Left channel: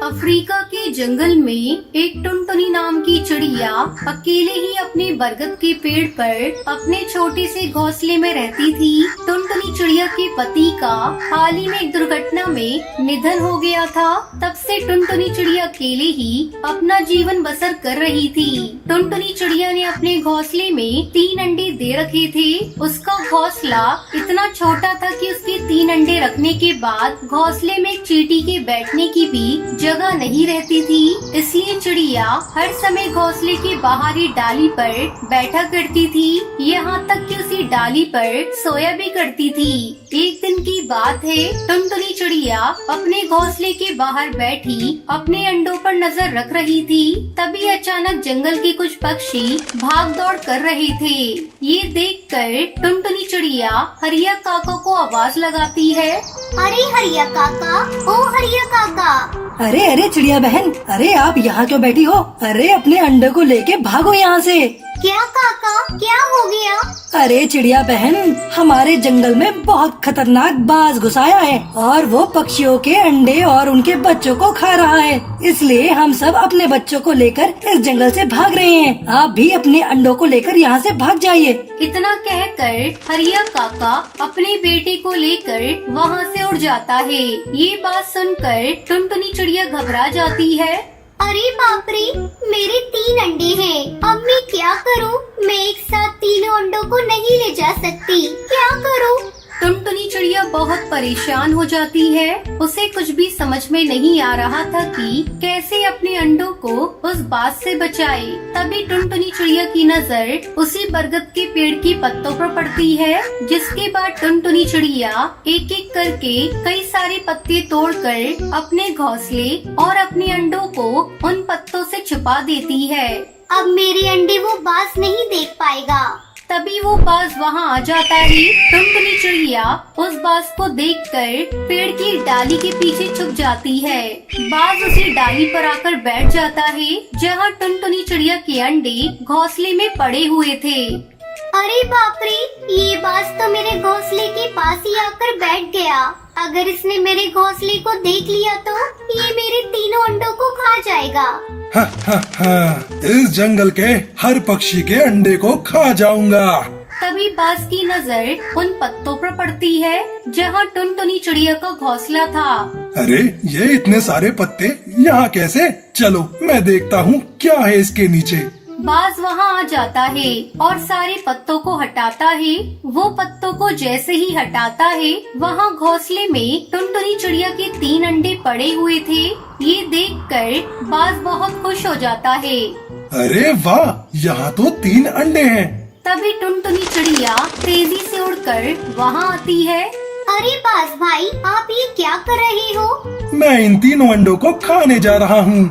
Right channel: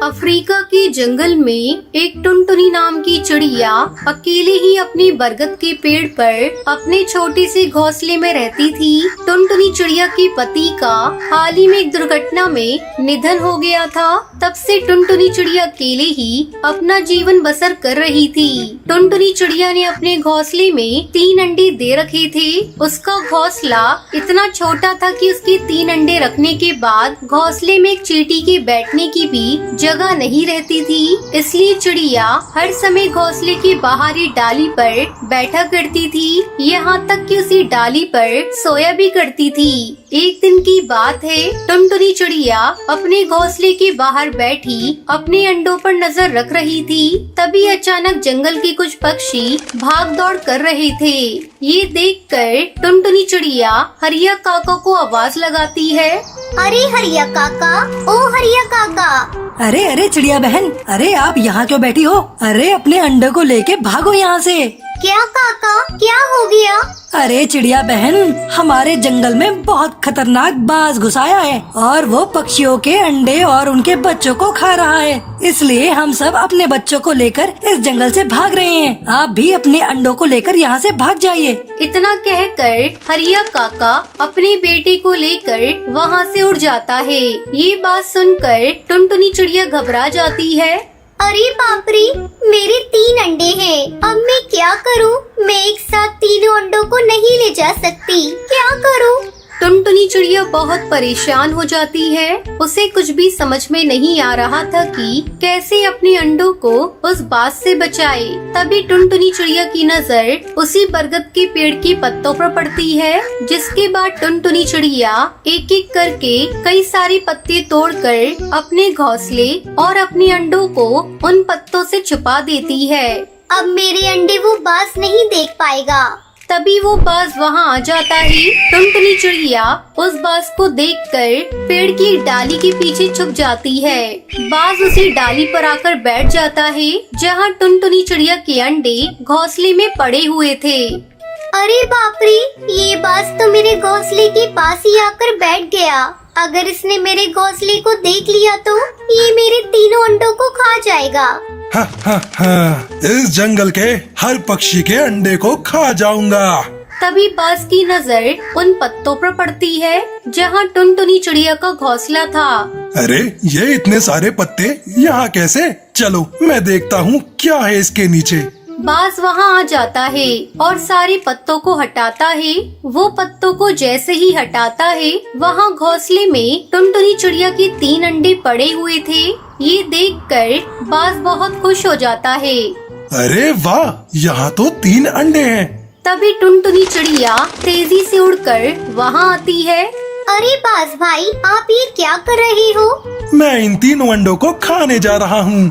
Africa के जंगल में एक टुनटुनी नाम की चिड़िया अकेले ही अपने बरगद के पेड़ पर अपने छोटे से घोंसले में रहती थी। टुनटुनी चिड़िया के पति का हाल ही में एक दुर्घटना में निधन हो गया था। तब से टुनटुनी चिड़िया अकेले ही अपना जीवन बसर कर रही थी। टुनटुनी चिड़िया ने अपने घोंसले में 3 अंडे दे रखे थे। उसका घोंसला इतना छोटा था कि उसके 3 अंडे रखने के बाद घोंसले में एक चींटी के बैठने की भी जगह नहीं रहती थी। इसलिए चिड़िया हर समय घोंसले के बाहरी डाली पर बैठा करती थी, यहाँ तक कि उसी डाली पर सोया भी करती थी। एक दिन की बात है, टुनटुनी चिड़िया अपने घोंसले के बाहर बैठी अपने अंडों पर नजर रख रही थी। तभी अचानक जंगल के कुछ पक्षी भाग दौड़ कर रहे थे। ये देखकर टुनटुनी चिड़िया हरिया काका को आवाज लगाती है। अरे हरिया काका, ओ हरिया काका। अरे अरे चिड़िया बहन, अरे आप यहाँ क्यों बैठी हो? अरे अपने अंडे को लेके भागो यहाँ से। क्या काका, क्या हो गया? अरे चिड़िया बहन, हमारे जंगल में बहुत खतरनाक बाज घुस आया है और वो पक्षियों के अंडे और उनके बच्चों को खा रहा है। इसलिए हम सब अपने बच्चों को लेकर इस जंगल से भाग रहे हैं। आप भी अपने अंडों को लेकर यहाँ से भाग जाइए। इतना कहकर हरिया काका अपने बेटे को लेकर वहाँ से उड़ जाता है। ये बात सुनकर टुनटुनी चिड़िया घबरा जाती है। अरे बाप रे, मेरे 3 अंडे हैं। अब मैं क्या करूं? मैं एक साथ तीनों अंडों को नहीं ले जा सकती। क्या करूं? टुनटुनी चिड़िया बहुत परेशान हो जाती है। उसे कुछ भी समझ में नहीं आ रहा था कि कैसे अपने अंडों को उस बाज से बचाए। तभी टुनटुनी चिड़िया की नजर उसी बरगद के पेड़ के पत्तों पर पड़ती है, जिसके बाद टुनटुनी चिड़िया एक एक करके कई सारे पत्ते तोड़कर अपने घोंसले और अपने अंडों को उन पत्तों से छुपा देती है। अब मेरे अंडे वो बाज नहीं देख पाएगा। तभी वो बाज वहाँ आ जाता है। टुनटुनी चिड़िया उस बाज को देखकर पेड़ की डाली के पीछे छुप जाती है। बाज उसी डाली पर आकर बैठ जाता है जहाँ टुनटुनी चिड़िया के अंडे घोंसले में पड़े हुए थे। अरे बाप रे, ये बाज तो मेरे घोंसले के पास ही आकर बैठ गया। अगर इसने मेरे घोंसले को देख लिया तो ये मेरे तीनों अंडों को खा जाएगा। हा, हा, हा, इस जंगल के हर पक्षी के अंडे को खा जाऊंगा। तभी बाज की नजर उन पत्तों पर पड़ती है जहाँ टुनटुनी चिड़िया का घोंसला था। अरे ये इतने सारे पत्ते यहाँ कैसे? चलो मैं देखता हूँ क्या है इसके नीचे। बाज वहाँ आ जाता है और सारे पत्तों को हटाता है। वो पत्तों को जैसे ही हटाता है, वहाँ घोंसले में टुनटुनी चिड़िया के 3 अंडे पड़े हुए थे। ये देखकर बाज बहुत खुश हो जाता है। अरे वाह, यहाँ तो 3 अंडे हैं। तभी टुनटुनी चिड़िया तेजी से उड़कर वहाँ आती है। अरे बाज भाई, आप ये क्या कर रहे हो? मैं इन तीनों अंडों को खाने जा रहा हूँ।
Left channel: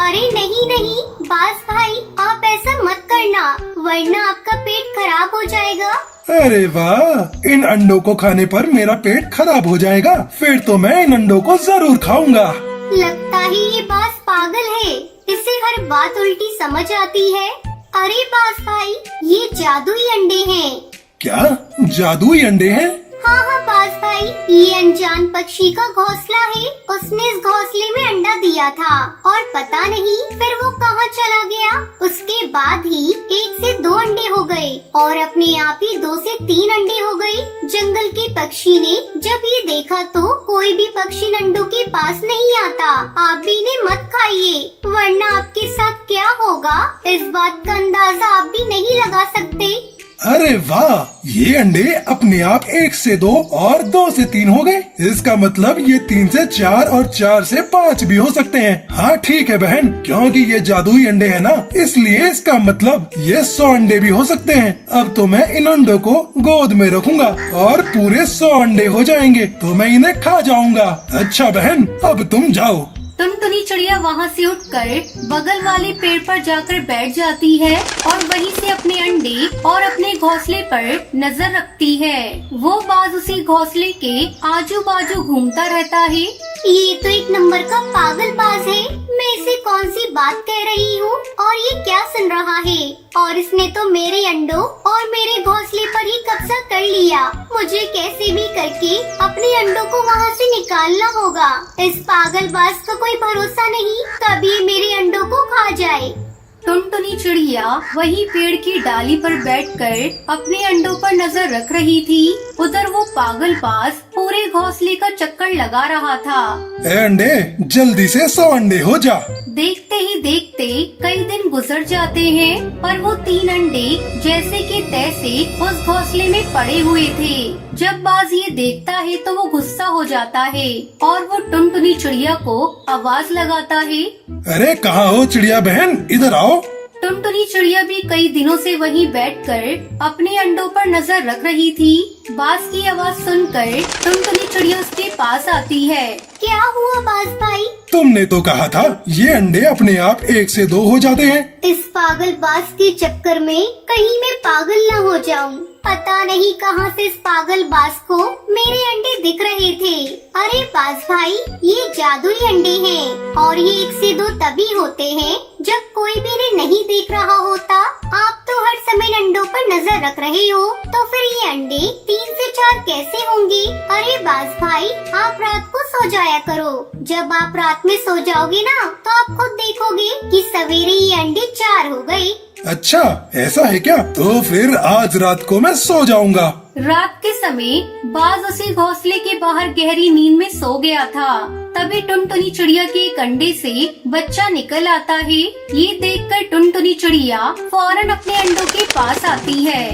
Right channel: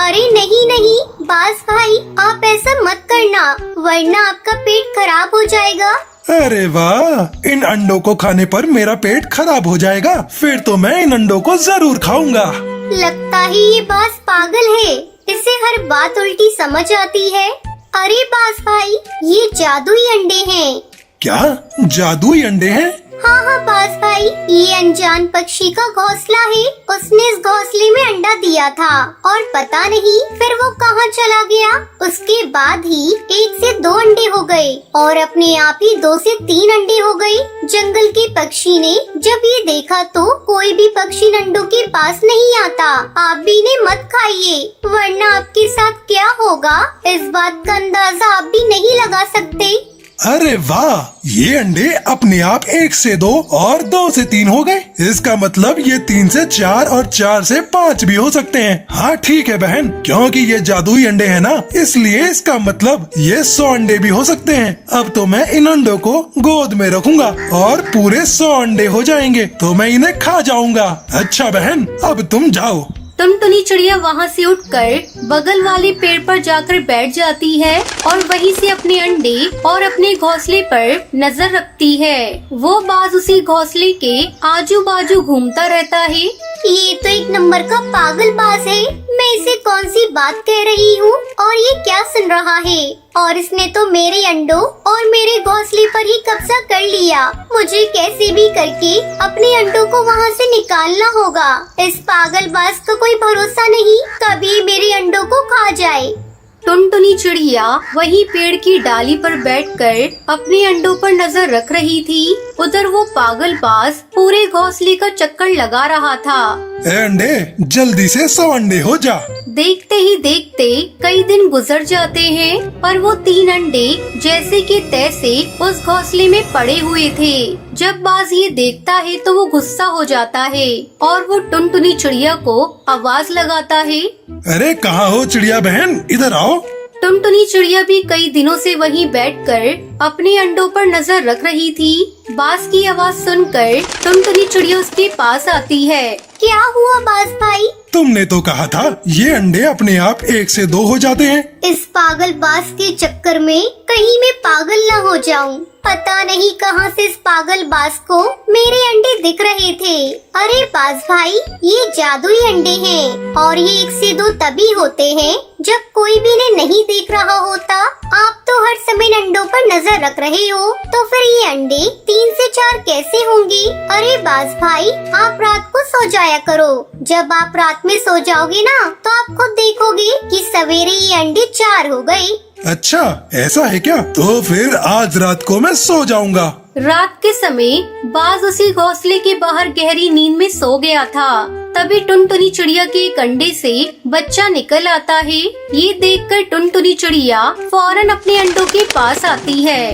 अरे नहीं नहीं बाज भाई, आप ऐसा मत करना, वरना आपका पेट खराब हो जाएगा। अरे वाह, इन अंडों को खाने पर मेरा पेट खराब हो जाएगा। फिर तो मैं इन अंडों को जरूर खाऊंगा। लगता है ये बाज पागल है, इसे हर बात उल्टी समझ आती है। अरे बाज भाई, ये जादुई अंडे हैं। क्या जादुई अंडे हैं? हाँ बाज भाई, ये अनजान पक्षी का घोंसला है। उसने इस घोंसले में अंडा दिया था और पता नहीं फिर वो कहाँ चला गया। उसके बाद ही 1 से 2 अंडे हो गए और अपने आप ही 2 से 3 अंडे हो गए। जंगल के पक्षी ने जब ये देखा तो कोई भी पक्षी अंडों के पास नहीं आता। आप भी इन्हें मत खाइए, वरना आपके साथ क्या होगा इस बात का अंदाजा आप भी नहीं लगा सकते। अरे वाह, ये अंडे अपने आप 1 से 2 और 2 से 3 हो गए। इसका मतलब ये 3 से 4 और 4 से 5 भी हो सकते हैं। हाँ ठीक है बहन, क्योंकि ये जादुई अंडे हैं ना, इसलिए इसका मतलब ये 100 अंडे भी हो सकते हैं। अब तो मैं इन अंडों को गोद में रखूंगा और पूरे 100 अंडे हो जाएंगे तो मैं इन्हें खा जाऊंगा। अच्छा बहन, अब तुम जाओ। टुनटुनी चिड़िया वहाँ से उठकर बगल वाले पेड़ पर जाकर बैठ जाती है और वहीं से अपने अंडे और अपने घोंसले पर नजर रखती है। वो बाज उसी घोंसले के आजू बाजू घूमता रहता है। ये तो एक नंबर का पागल बाज है। मैं इसे कौन सी बात कह रही हूँ और ये क्या सुन रहा है? और इसने तो मेरे अंडों और मेरे घोंसले पर ही कब्जा कर लिया। मुझे कैसे भी करके अपने अंडों को वहाँ से निकाल संभालना होगा। इस पागलबाज का कोई भरोसा नहीं, कभी मेरे अंडों को खा जाए। टुनटुनी चिड़िया वही पेड़ की डाली पर बैठकर अपने अंडों पर नजर रख रही थी। उधर वो पागलबाज पूरे घोंसले का चक्कर लगा रहा था। ए अंडे, जल्दी से 100 अंडे हो जा। देखते ही देखते कई दिन गुजर जाते हैं, पर वो 3 अंडे जैसे कि तैसे उस घोंसले में पड़े हुए थे। जब बाज ये देखता है तो वो गुस्सा हो जाता है और वो टुनटुनी चिड़िया को आवाज लगाता है। अरे कहाँ हो चिड़िया बहन, इधर आओ। टुनटुनी चिड़िया भी कई दिनों से वहीं बैठकर अपने अंडों पर नजर रख रही थी। बाज की आवाज सुनकर टुनटुनी चिड़िया उसके पास आती है। क्या हुआ बाज भाई? तुमने तो कहा था ये अंडे अपने आप 1 से 2 हो जाते हैं। इस पागलबाज के चक्कर में कहीं मैं पागल न हो जाऊं। पता नहीं कहां से इस पागलबाज को मेरे अंडे दिख रहे थे। अरे बाज भाई, ये जादुई अंडे हैं और ये 1 से 2 तभी होते हैं जब कोई भी इन्हें नहीं देख रहा होता। आप तो हर समय अंडों पर नजर रख रहे हो, तो फिर ये अंडे 3 से 4 कैसे होंगे? अरे बाज भाई, आप रात को सो जाया करो। जब आप रात में सो जाओगे ना, तो आप खुद देखोगे कि सवेरे ये अंडे 4 हो गए। अच्छा ऐसा है क्या? तो फिर आज रात को मैं सो जाऊंगा। रात के समय बाज उसी घोंसले के बाहर गहरी नींद में सो गया था। तभी टुनटुनी चिड़िया के एक अंडे से बच्चा निकल आता है। ये देखकर टुनटुनी चिड़िया फौरन अपने अंडों के पास आती है।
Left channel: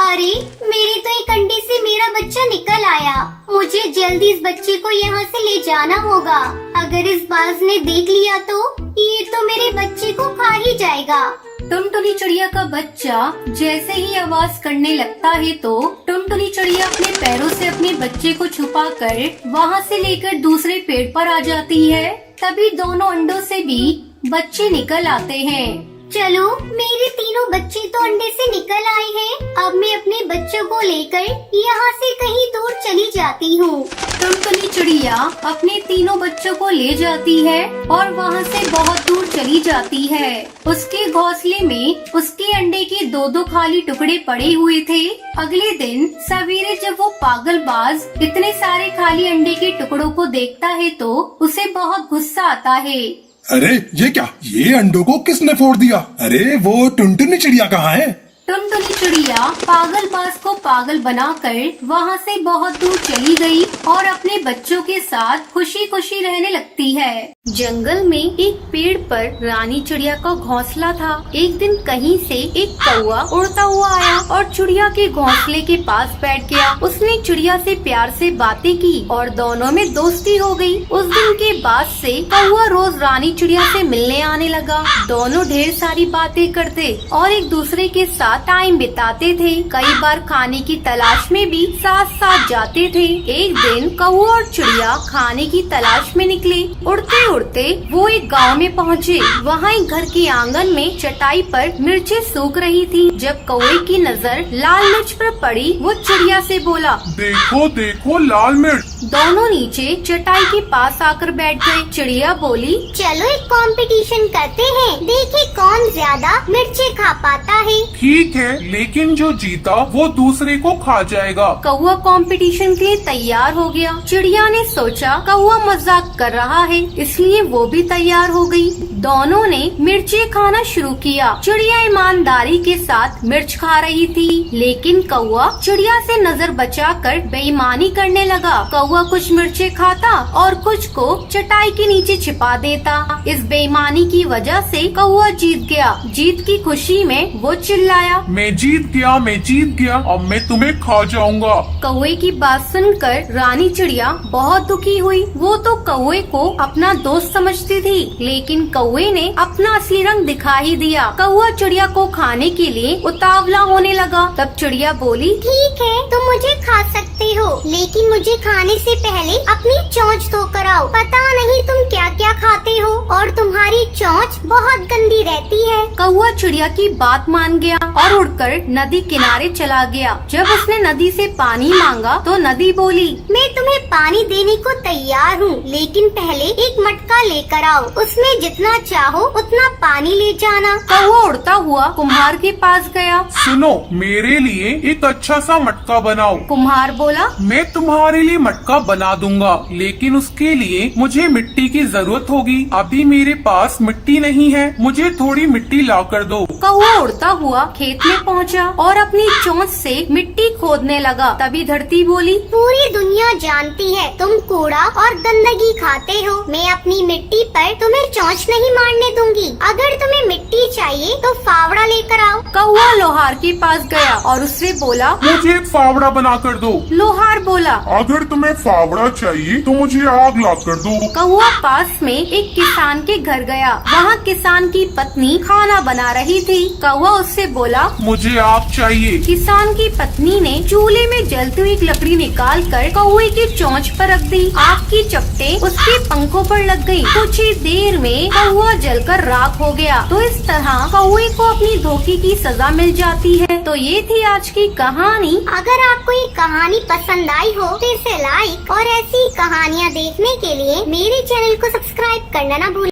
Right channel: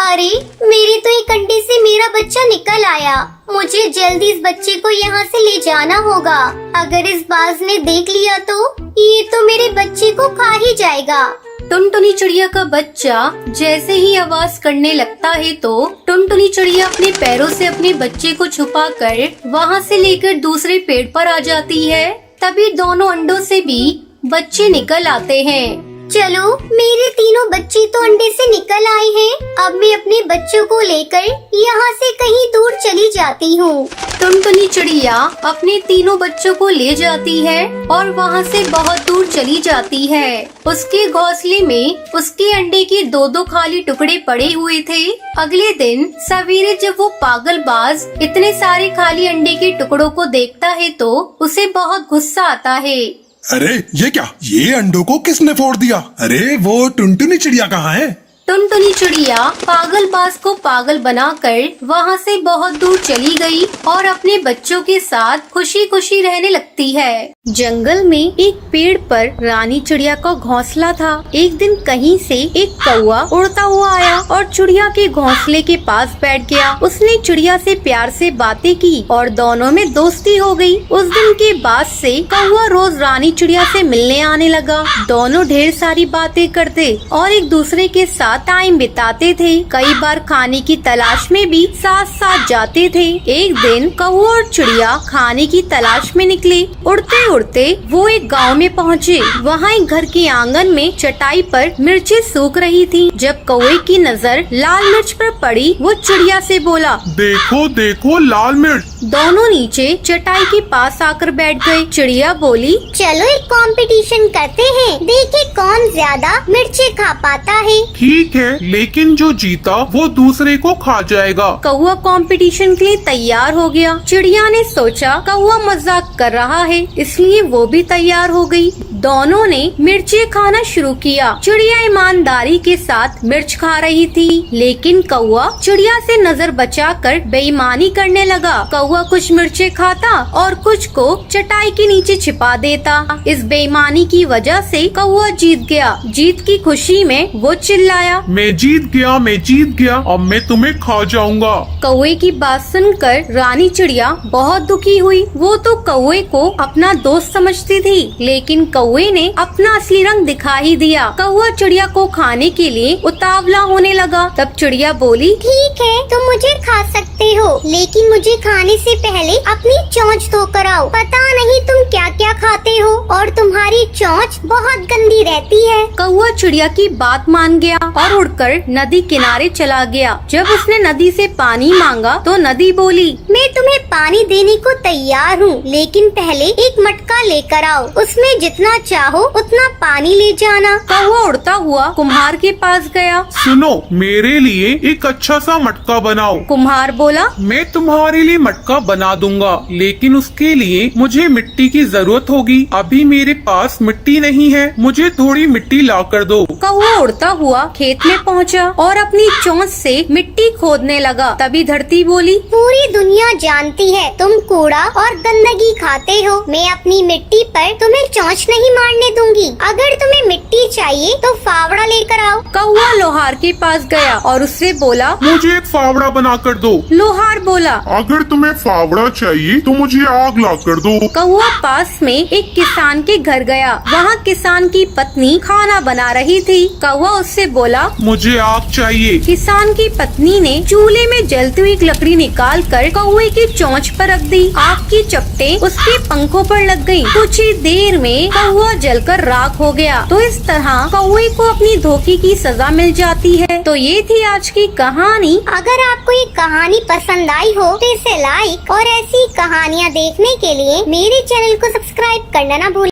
अरे, मेरे तो एक अंडे से मेरा बच्चा निकल आया। मुझे जल्दी इस बच्चे को यहाँ से ले जाना होगा। अगर इस बाज ने देख लिया तो ये तो मेरे बच्चे को खा ही जाएगा। टुनटुनी चिड़िया का बच्चा जैसे ही आवाज करने लगता है तो टुनटुनी चिड़िया अपने पैरों से अपने बच्चे को छुपाकर वहाँ से लेकर दूसरे पेड़ पर आ जाती है। तभी दोनों अंडों से भी बच्चे निकल आते हैं। चलो, मेरे तीनों बच्चे तो अंडे से निकल आए हैं। अब मैं अपने बच्चों को लेकर यहाँ से कहीं दूर चली जाती हूँ। टुनटुनी चिड़िया अपने तीनों बच्चों को ले जाती है और वहाँ से बहुत दूर चली जाती है। उसके घोंसले में उसके अंडे के 2-2 खाली टुकड़े पड़े हुए थे। अगले दिन सवेरे जब वो पागलबाज इतने सारे खाली अंडे के टुकड़ों को देखता है तो उसे बहुत गुस्सा आता है। अरे ये क्या, ये अंडों को किसने फोड़ दिया? अरे वो टुनटुनी चिड़िया कहाँ है? टुनटुनी चिड़िया पागलबाज को पागल बनाकर वहाँ से बहुत दूर चली गई और अपने बच्चों के साथ खुशी खुशी रहने लगती है। जंगल में एक पेड़ पर रानी चिड़िया का घोंसला था। एक दिन कहीं से एक कौवा उड़ता हुआ आया और चिड़िया के घोंसले के पास बैठ गया। उसने चिड़िया से प्यार से बातें की और दोनों में दोस्ती हो गई। उस दिन के बाद से कौवा रोज रानी चिड़िया से मिलने आने लगा। दोनों ढेर सारी बातें करते और एक दूसरे के साथ टाइम बिताते थे। कई बार खाने की तलाश में भी साथ साथ जाते थे। एक दिन कौवा और चिड़िया खाने की तलाश में निकले। उड़ते उड़ते वो एक गांव में पहुँचे। वहाँ एक घर के आंगन में चटाई पर मिर्चें सूख रही थी। जब कौवे की नजर लाल मिर्च पर पड़ी, वो चिड़िया से बोला, देखो देखो लाल मिर्च। दोनों नीचे चटाई के पास आकर बैठ गए। चिड़िया बोली, चलो एक कंपटीशन करते हैं, देखें कौन ज्यादा मिर्ची खा पाता है। ठीक है, लेकिन जो जीता वो दूसरे को खा जाएगा। कौवा कंपटीशन के लिए तैयार हो गया। चिड़िया ने सोचा कौवा मजाक कर रहा है, इसलिए वो भी तैयार हो गई। दोनों ने मिर्ची खाना शुरू किया। चिड़िया ईमानदारी के साथ मिर्च खा रही थी, लेकिन कौवा चिड़िया से नजर बचाकर बेईमानी करने लगा। कौवा कुछ मिर्चे खाता और कुछ को चटाई के नीचे छिपा देता। इस बेईमानी की वजह से कौवा जीत गया। जीत की खुशी में वो चिल्लाया, मैं जीत गया, मैं जीत गया, अब मैं तुम्हें खा जाऊंगा। कौवे की बात सुनकर रानी चिड़िया बहुत दुखी हुई। वो तो कौवे को अपना दोस्त समझती थी, लेकिन कौवे ने अपना असली रंग दिखा ही दिया। कौवा चिड़िया को खाने के लिए उतावला होने लगा। तब चिड़िया बोली, ठीक है, तुम मुझे खा सकते हो, लेकिन मुझे खाने से पहले अपनी चोंच धो कर आओ। पता नहीं तुम क्या क्या खाते हो और तुम्हारी चोंच बहुत गंदी रहती है। कौवा चिड़िया की बात मान गया और उड़कर नदी किनारे चला गया। जब उसने नदी से पानी मांगा तो नदी बोली, मैं तुम्हें पानी देने को तैयार हूँ, लेकिन पहले एक मटका लेकर आओ, उसमें जितना चाहो उतना पानी ले जाना। कौवा उड़ता हुआ कुम्हार के पास गया। सुनो, मेरे लिए एक अच्छा सा मटका बनाओ। कुम्हार बोला, बोला, मैं तुम्हारे लिए मटका बना दूंगा, लेकिन उसके लिए मुझे मिट्टी की जरूरत होगी। अभी मेरे पास मिट्टी नहीं है, मुझे थोड़ी मिट्टी ला कर दो। कौवा उड़ता हुआ खेत में पहुंचा और अपनी चोंच से मिट्टी खोदने लगा। तभी धरती बोली, पूरी दुनिया जानती है तुम कूड़ा और गंदगी खाते हो। मैं अपनी मिट्टी पर तुम्हें चोंच नहीं मारने दूंगी। अगर तुम्हें मिट्टी चाहिए तो फावड़ा लेकर आओ। कौवा लोहार के पास गया और उससे बोला। मुझे एक फावड़ा बना कर दो। लोहार बोला। अगर तुम्हें फावड़ा चाहिए तो मुझे आग ला कर दो। कौवा पास में एक किसान के घर गया। वहाँ किसान की पत्नी खाना बना रही थी। कौवा उससे बोला, मुझे आग चाहिए। किसान की पत्नी ने चूल्हे में जलती हुई लकड़ी निकाल कर कौवे की चोंच पर रख दी। आग की चपटे उसके पंखों पर लग गयी। कुछ ही देर में कौवा जलकर राख हो गया। तो इस तरह कौवे को अपनी धोखे की सजा मिल जाती है। तो ये थी आज की कहानी। अगर आपको ये कहानी पसंद आई हो तो इसे लाइक और ऐसी कहानियाँ देखने के लिए मेरे चैनल को सब्सक्राइब करना न भूलें।